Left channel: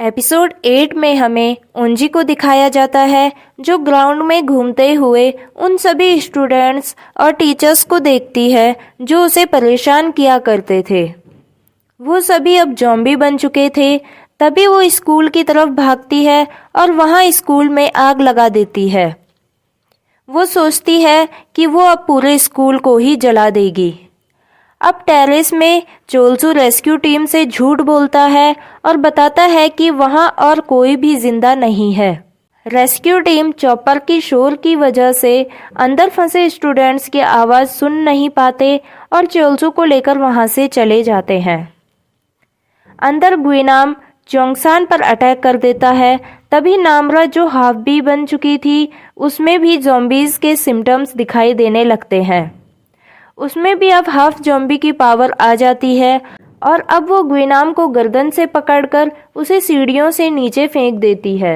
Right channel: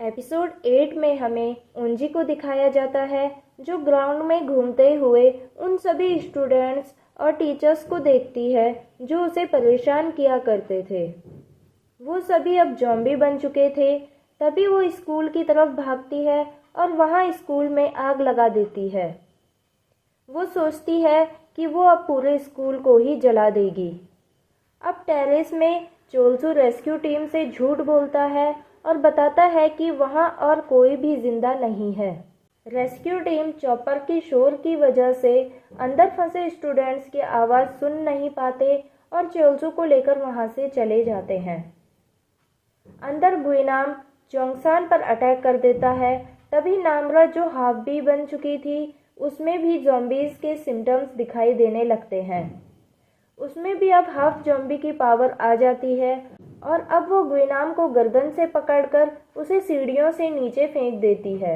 Episode 8 में हमें ओंजी को दिखाया जाता है जो ग्राउंड में घूमते हुए उन सभी स्टूडेंट्स और टीचर्स को देखती है जो उसे परेशान किया करते थे। वो सभी अब ज़ॉम्बी बन चुके थे। तभी वो स्कूल की तरफ भागती है और वहाँ स्कूल में आग लगा देती है। वो सोचती है कि वो अब पूरे स्कूल को ही जला देगी। अब टेरेस में चोलसू रेस्क्यू टीम से झूठ बोलता है और बताता है कि वहां और कोई भी जिंदा नहीं है। रेस्क्यू टीम चॉपर की शोर की वजह से अंदर फंसे स्टूडेंट्स की आवाज़ सुन नहीं पाते और चोलसू को लेकर वहां से चले जाते हैं। अंदर गुइनाम चोंगसान पर अटैक कर देता है। तभी नामरा जो हाफ बी बन चुकी थी उसमें भी ज़ॉम्बीज़ के सिम्टम्स दिखाई देने लगते हैं। उसमें भी अब हाफ ज़ॉम्बी की पावर आ जाती है और अब वो गुइनाम को गर्दन से पकड़कर उसे सीढ़ियों से नीचे फेंक देती है।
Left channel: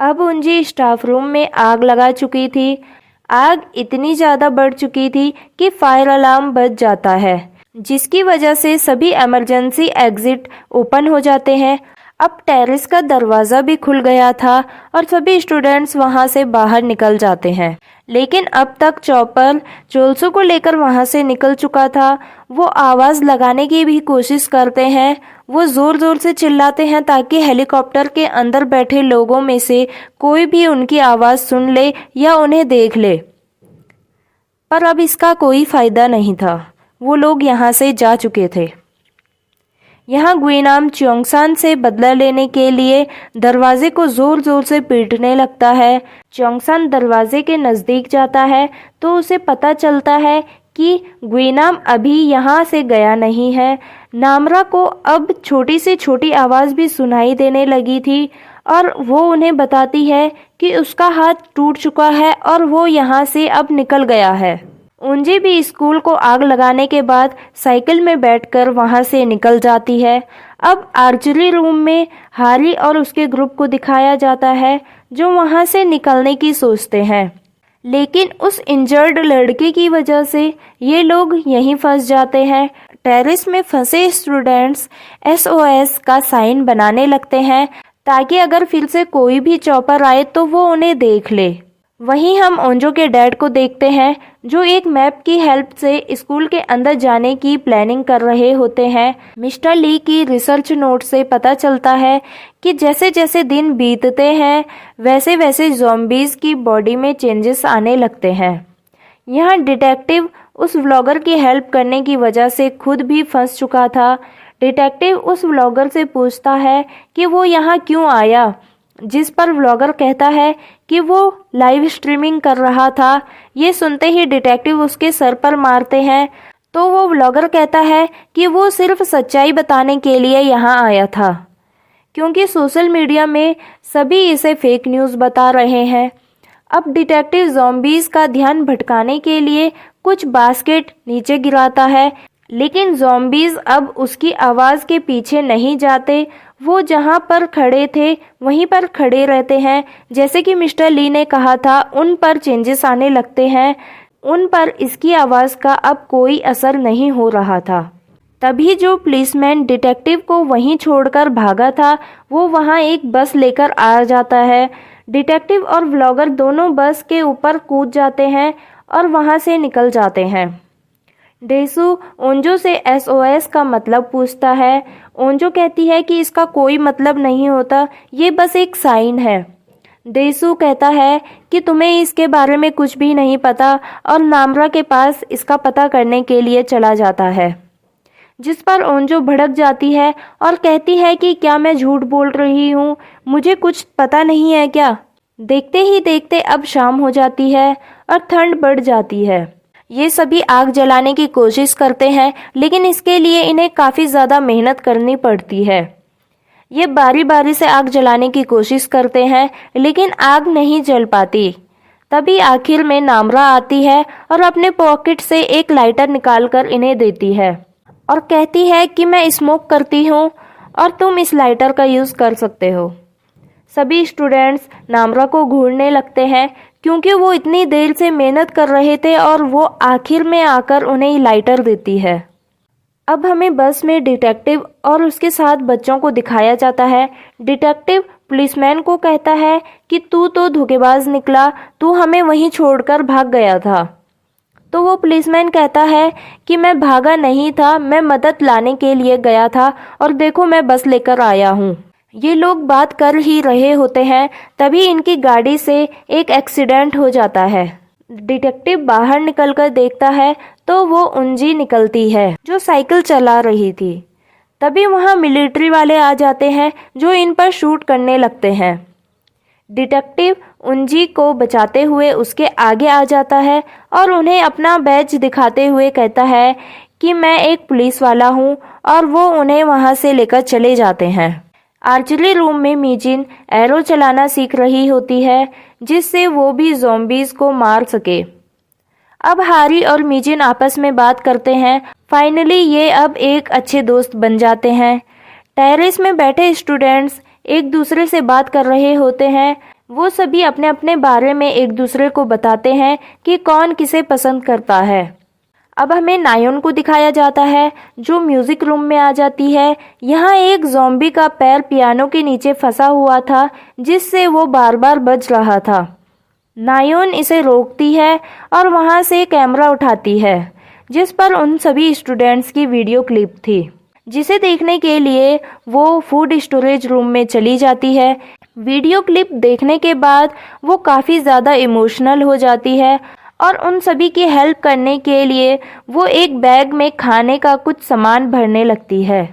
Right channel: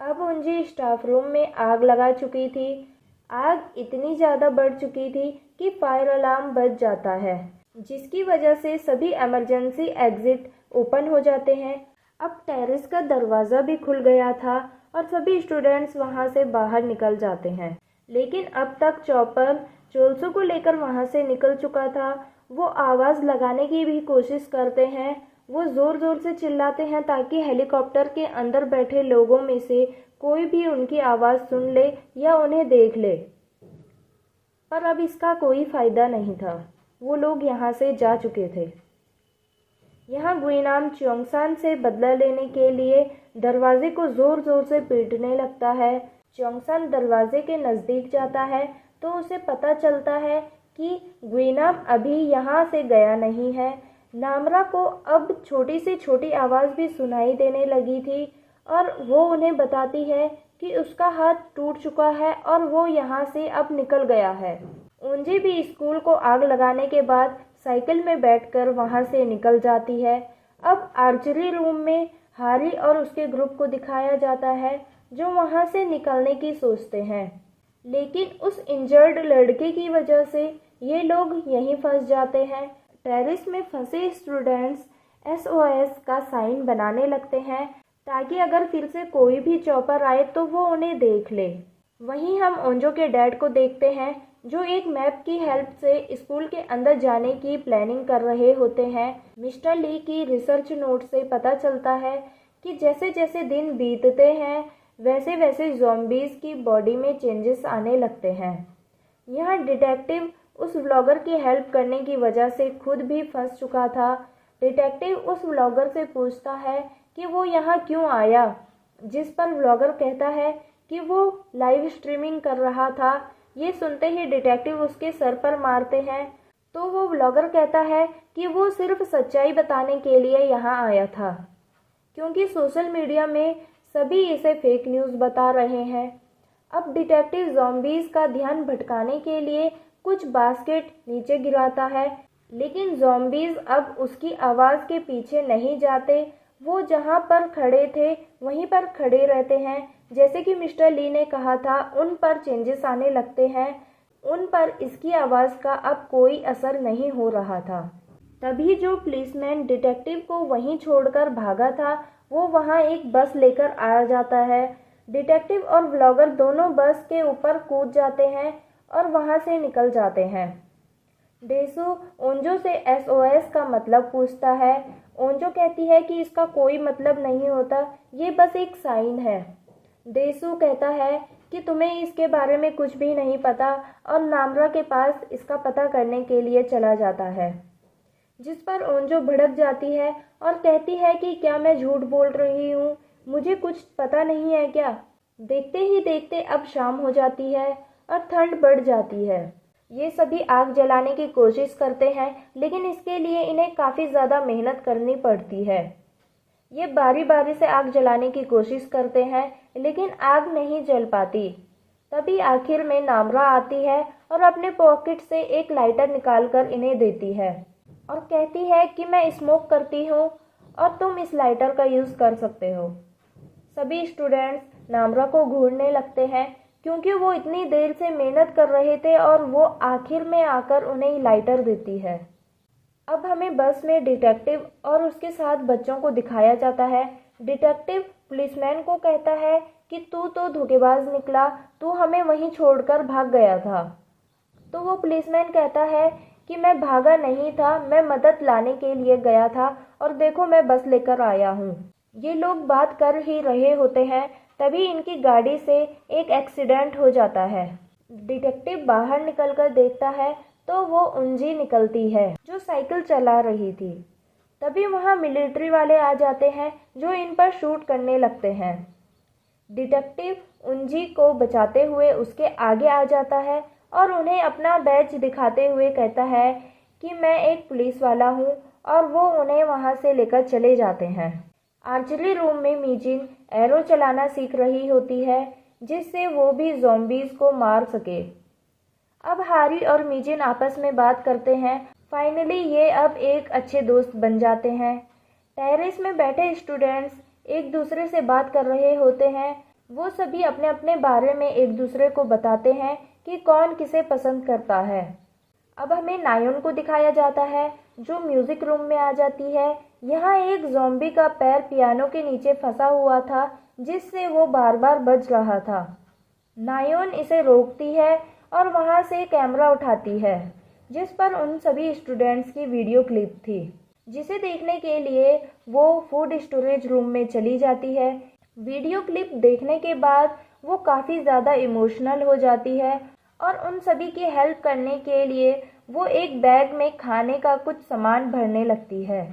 अब उंजी स्टाफ रूम में आग लगा चुकी थी। आग इतनी ज़्यादा बढ़ चुकी थी कि फायर अलार्म बज जाता है, जिसकी वजह से सभी इमरजेंसी एग्जिट ओपन हो जाते हैं। अब टेरेस का दरवाज़ा भी खुल गया था और सभी स्टूडेंट्स वहां से बाहर निकल जाते हैं। लेकिन अब तक चॉपर चोलसू को लेकर वहां से निकल चुका था। वो आवाज़ लगाने की भी कोशिश करते हैं। वो ज़ोर ज़ोर से चिल्लाते हैं ताकि हेलीकॉप्टर के अंदर बैठे लोगों में से कोई भी उनकी आवाज़ सुन ले या उन्हें देख ले। पर अब इसका कोई फ़ायदा नहीं था। वो लोग यहाँ से जा चुके थे। यहाँ गुइनाम चोंगसान से बदला लेने के लिए दरवाजे को जोर जोर से पीटने लगता है। चोंगसान दरवाजे के नज़दीक जाता है तो उसे पता चलता है कि गुइनाम अभी यहाँ से गया नहीं है। नामरा को अब छोटी से छोटी आवाज़ भी सुनाई देने लगी थी और वो उन्हें बताती है कि उसका हाथ टूट चुका है और वो यहाँ से अब निकल गया है। उंजी भी स्कूल को आग लगाने के बाद साइकिल में बैठकर वहां से निकल जाती है। अब आर्चरी रूम में हारी और उसके ग्रुप को दिखाया जाता है जो वहां से निकलने की सोचते हैं, लेकिन उस इंजर्ड लड़के की वजह से ये लोग यहीं फंस जाते हैं। टेरेस में फंसे स्टूडेंट्स SOS का साइन बनाने लगते हैं ताकि अगर फिर से कोई भी चॉपर आए तो वो उन्हें देख ले। वहीं हम ओंजो के डैड को देखते हैं जो एक मैप की हेल्प से स्कूल के अंदर जाने की प्लानिंग कर रहे होते हैं। मिस्टर ली की रिसर्च नोट से पता चलता है कि जैसे जैसे दिन बीतते हैं वैसे वैसे ज़ॉम्बीज़ की बॉडी में चेंजेस आने लगते हैं। यहाँ डिटेक्टिव उस व्लॉगर की हेल्प करने की वजह से खुद भी फंस चुका था। डिटेक्टिव उस व्लॉगर से पूछता है कि वो यहाँ क्यों आया, जिस पर व्लॉगर कहता है कि वो लाइव स्ट्रीमिंग कर रहा था। ये सुनते ही डिटेक्टिव उसके सर पर मारते हैं तो वो व्लॉगर कहता है कि वो सिर्फ सच्चाई बताने के लिए यहाँ आया था, क्योंकि सोशल मीडिया में सभी इसे फेक न्यूज़ बता रहे हैं। अब डिटेक्टिव ज़ॉम्बीज़ का ध्यान भटकाने के लिए कुछ बास्केट नीचे गिराता है, लेकिन ज़ॉम्बीज़ अब उसकी आवाज़ के पीछे नहीं जाते। वो जहाँ पर खड़े थे वहीं पर खड़े रहते हैं। जैसे कि मिस्टर ली ने कहा था, उन पर चेंजेस आने लगते हैं। उन पर इसकी आवाज़ का अब कोई असर नहीं हो रहा था। तभी जो पुलिसमैन डिटेक्टिव को वहीं छोड़कर भागा था वो वहाँ एक बस लेकर आ जाता है। डिटेक्टिव और व्लॉगर दोनों बस के ऊपर कूद जाते हैं और वहाँ से निकल जाते हैं। डेसू ओंजो से SOS का मतलब पूछता है। ओंजो कहती है कि इसका कोई मतलब नहीं होता, ये बस एक साइन है। डेसू कहता है कि तुम्हें इसके बारे में कुछ भी नहीं पता और नामरा के पास इसका पता करने के लिए चला जाता है, जिस पर ओंजो भड़क जाती है और कहती है कि क्या मैं झूठ बोल रही हूँ, मुझे कुछ पता नहीं है क्या। देखते ही देखते अब शाम हो जाती है और ठंड बढ़ जाती है। ये सभी आग जलाने की कोशिश करते हैं, लेकिन इसके लिए इन्हें काफ़ी ज़्यादा मेहनत करनी पड़ती है। ये बारी बारी से आग जलाने की कोशिश करते हैं, लेकिन आग नहीं जल पाती। तभी आखिर में नामरा आती है और अपने पॉकेट से एक लाइटर निकालकर इन्हें देती है और कहती है कि मैं स्मोक करती हूँ और तुम इस लाइटर का यूज़ कर सकते हो। सभी स्टूडेंट्स नामरा को घूरने लगते हैं क्योंकि वो इतनी देर से मेहनत कर रहे थे और वो आखिर में आकर उन्हें लाइटर देती है। अब हमें बस में डिटेक्टिव और उसके साथ बच्चों को दिखाया जाता है। डिटेक्टिव पुलिसमैन को कहता है कि तू तो धोखेबाज निकला, तू हमें वहीं छोड़कर भाग गया था। तो वो पुलिसमैन कहता है कि मैं भागा नहीं था, मैं मदद लाने के लिए गया था और देखो मैं बस लेकर आया हूँ। ये लोग बात कर ही रहे होते हैं, तभी इनकी गाड़ी से एक एक्सीडेंट हो जाता है। डिटेक्टिव बाहर निकलकर देखता है तो वो उंजी निकलती है जो साइकिल चला रही थी। तभी वहाँ मिलिट्री वाले आ जाते हैं जो इन पर शूट करने लगते हैं। डिटेक्टिव उंजी को बचाते हुए उसके आगे आ जाता है और उन्हें अपना बैज दिखाते हुए कहता है कि मैं एक पुलिस वाला हूँ, और वो उन्हें वहाँ से लेकर चले जाते हैं। आर्चरी रूम में मीजिन एरो चलाना सीख रही होती है जिससे वो भी ज़ॉम्बीज़ को मार सके। अब हारी और मीजिन आपस में बात करते हैं। फाइनली ये अब एक अच्छे दोस्त बन जाते हैं। टेरेस में बैठे स्टूडेंट्स एक दूसरे से बात कर रहे होते हैं। वो सभी अपने अपने बारे में एक दूसरे को बताते हैं कि कौन किसे पसंद करता है। अब हमें नायोन को दिखाया जाता है जो म्यूजिक रूम में आ जाती है। यहाँ एक ज़ॉम्बी का पैर पियानो के नीचे फंसा हुआ था जिससे वो बार बार बज रहा था। नायोन इसे रोकती है और वहाँ से कैमरा उठाती है जिस पर उन सभी स्टूडेंट्स की वीडियो क्लिप थी, जिसे देखने के लिए वो फूड स्टोरेज रूम में चली जाती है। वीडियो क्लिप देखने के बाद वो काफ़ी ज़्यादा इमोशनल हो जाती है और उन सभी की हेल्प करने के लिए वो एक बैग में खाने का कुछ सामान भरने लगती है।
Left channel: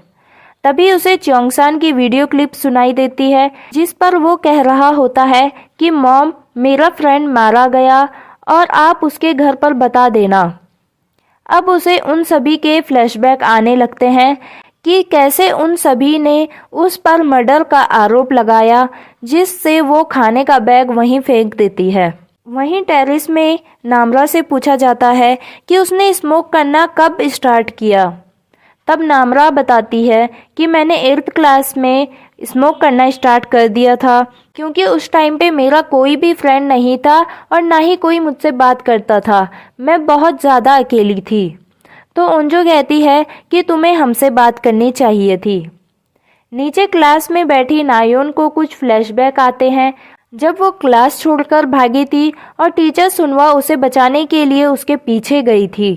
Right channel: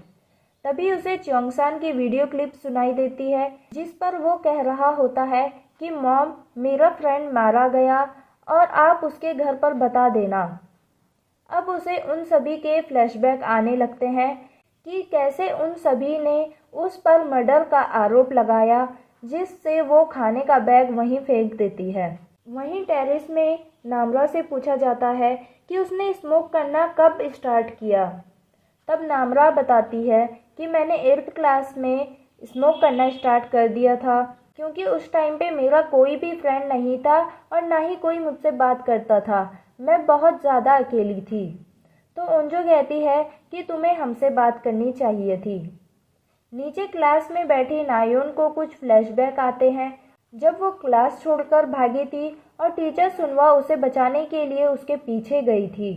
तभी उसे च्योंगसान की वीडियो क्लिप सुनाई देती है जिस पर वो कह रहा होता है कि मॉम, मेरा फ्रेंड मारा गया और आप उसके घर पर बता देना। अब उसे उन सभी के फ्लैशबैक आने लगते हैं कि कैसे उन सभी ने उस पर मर्डर का आरोप लगाया, जिससे वो खाने का बैग वहीं फेंक देती है। वहीं टेरेस में नामरा से पूछा जाता है कि उसने स्मोक करना कब स्टार्ट किया। तब नामरा बताती है कि मैंने 8th क्लास में स्मोक करना स्टार्ट कर दिया था, क्योंकि उस टाइम पे मेरा कोई भी फ्रेंड नहीं था और ना ही कोई मुझसे बात करता था। मैं बहुत ज़्यादा अकेली थी। तो उंजो कहती है कि तुम्हें हमसे बात करनी चाहिए थी। नीचे क्लास में बैठी नायोन को कुछ फ्लैशबैक आते हैं जब वो क्लास छोड़कर भागी थी और टीचर सुनवा उसे बचाने के लिए उसके पीछे गई थी।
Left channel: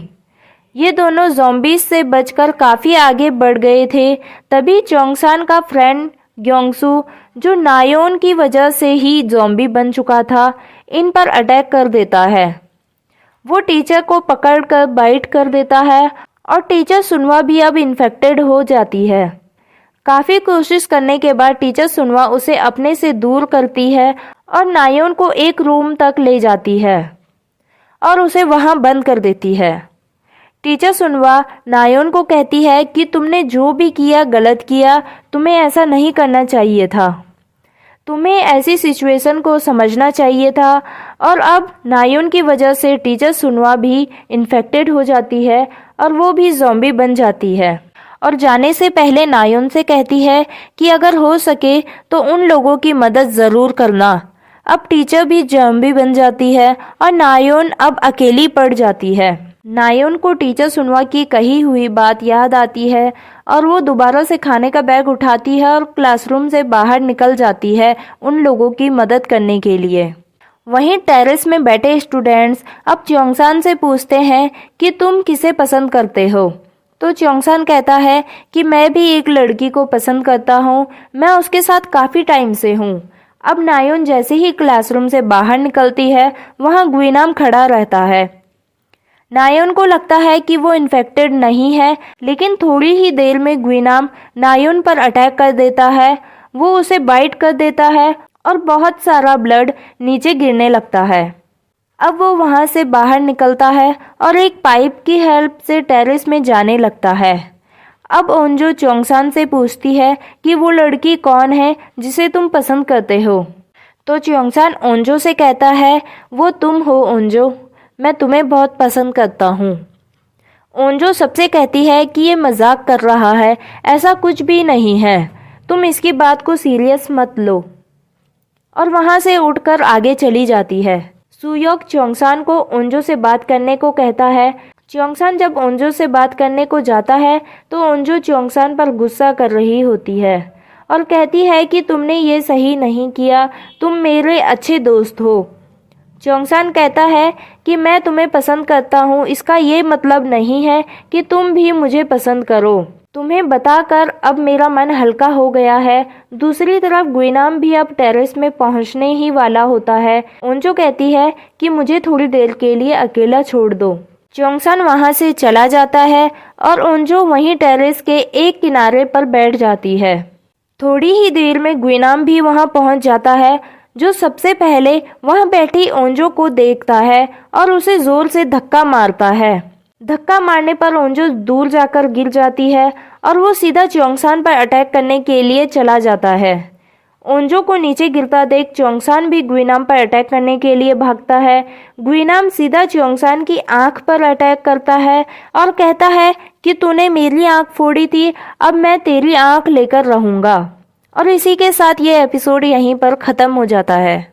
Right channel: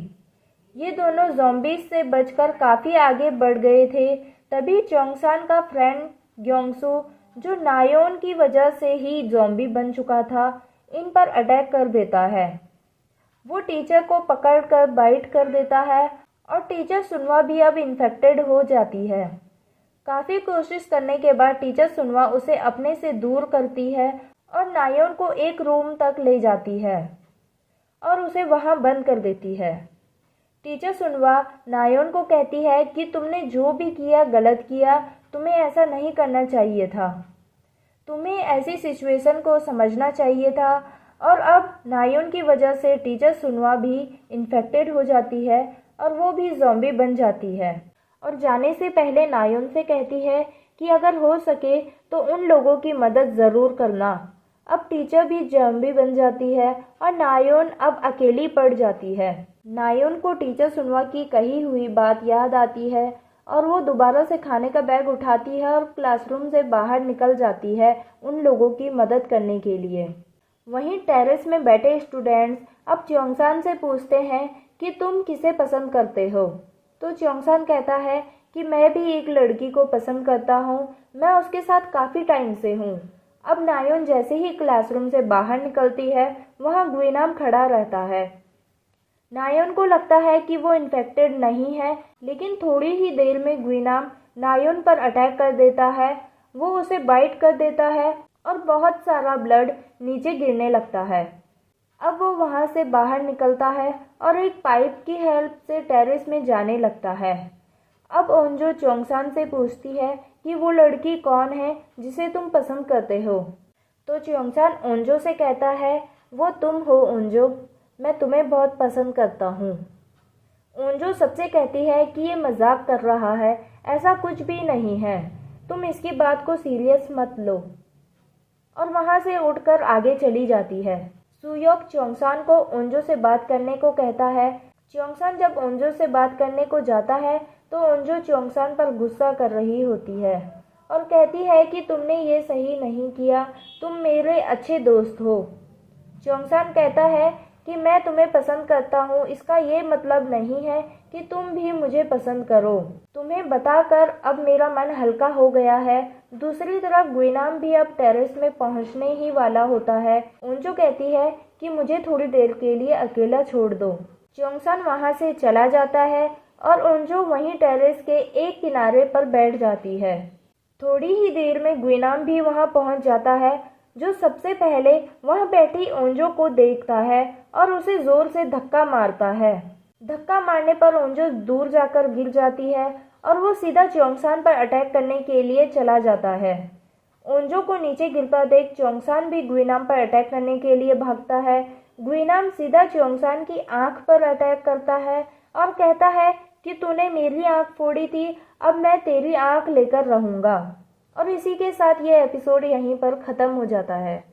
ये दोनों ज़ॉम्बीज से बचकर काफ़ी आगे बढ़ गए थे। तभी च्योंगसान का फ्रेंड ग्योंगसू, जो नायोन की वजह से ही ज़ॉम्बी बन चुका था, इन पर अटैक कर देता है। वो टीचर को पकड़कर बाइट कर देता है और टीचर सुनवा भी अब इन्फेक्टेड हो जाती है। काफ़ी कोशिश करने के बाद टीचर सुनवा उसे अपने से दूर करती है और नायोन को एक रूम तक ले जाती है और उसे वहां बंद कर देती है। टीचर सुनवा नायोन को कहती है कि तुमने जो भी किया गलत किया, तुम्हें ऐसा नहीं करना चाहिए था, तुम्हें ऐसी सिचुएशन को समझना चाहिए था। और अब नायोन की वजह से टीचर सुनवा भी इन्फेक्टेड हो जाती है और वो भी ज़ॉम्बी बन जाती है। और जाने से पहले नायोन से कहती है कि अगर हो सके तो उन लोगों की मदद ज़रूर करना। अब टीचर भी ज़ॉम्बी बन जाती है और नायोन अब अकेली पड़ जाती है। नायोन को टीचर सुनवा की कही हुई बात याद आती है और वो दोबारा से खाने का बैग उठाती है और क्लासरूम से बाहर निकल जाती है उन लोगों की मदद करने के लिए। वहीं टेरेस में बैठे स्टूडेंट्स अब च्योंगसान से पूछते हैं कि तुम किसे पसंद करते हो। तो च्योंगसान कहता है कि मैं भी एक लड़की को पसंद करता हूँ, मैं उसके साथ काफ़ी टाइम से हूँ। अब नायोन जैसे ही क्लासरूम से बाहर निकलती है, वहाँ गुइनाम खड़ा रहता है। नायोन को लगता है कि वो इन्फेक्टेड नहीं है, लेकिन थोड़ी ही देर में गुइनाम नायोन पर अटैक कर देता है। वो उसे बाइट कर देता है और बहुत सारा ब्लड नीचे गिरने लगता है। अब वो वहाँ से बाहर निकलता है और एक पाइप की हेल्प से टेरेस में जाने लगता है। अब ओंजो च्योंगसान से पूछती है कि वो लड़की कौन है जिसे तुम पसंद करते हो। तो च्योंगसान ओंजो से कहता है, वो तुम हो ओंजो, मैं तुम्हें बहुत पसंद करता हूँ। ओंजो सबसे कहती है कि ये मजाक कर रहा है, ऐसा कुछ भी नहीं है, तुम इसकी बात को सीरियस मत लो। और वहाँ से उठकर आगे चली जाती है। सुयोक च्योंगसान को ओंजो से बात करने को कहता है च्योंगसान जब ओंजो से बात करने को जाता है तो ओंजो च्योंगसान पर गुस्सा कर रही होती है और कहती है कि तुमने ये सही नहीं किया, तुम मेरे अच्छे दोस्त हो। च्योंगसान कहता है कि मैं तुम्हें पसंद करता हूँ, इसका ये मतलब नहीं है कि तुम भी मुझे पसंद करो। तुम्हें बताकर अब मेरा मन हल्का हो गया है। दूसरी तरफ गुइनाम भी अब टेरेस में पहुँचने ही वाला होता है। ओंजो कहती है कि मुझे थोड़ी देर के लिए अकेला छोड़ दो। च्योंगसान वहाँ से चला जाता है और ओंजो वहीं टेरेस के एक किनारे पर बैठ जाती है। थोड़ी ही देर में गुइनाम भी वहाँ पहुँच जाता है, जो सबसे पहले वहाँ बैठी ओंजो को देखता है और उसे जोर से धक्का मारता है। धक्का मारने पर ओंजो दूर जाकर गिर जाती है और वो सीधा च्योंगसान पर अटैक करने के लिए चला जाता है। ओंजो को नीचे गिरता देख च्योंगसान भी गुइनाम पर अटैक करने के लिए भागता है। गुइनाम सीधा च्योंगसान की आंख पर अटैक करता है और कहता है कि तूने मेरी आंख फोड़ी थी, अब मैं तेरी आंख लेकर रहूंगा। और इसी के साथ ये एपिसोड यहीं पर ख़त्म हो जाता है।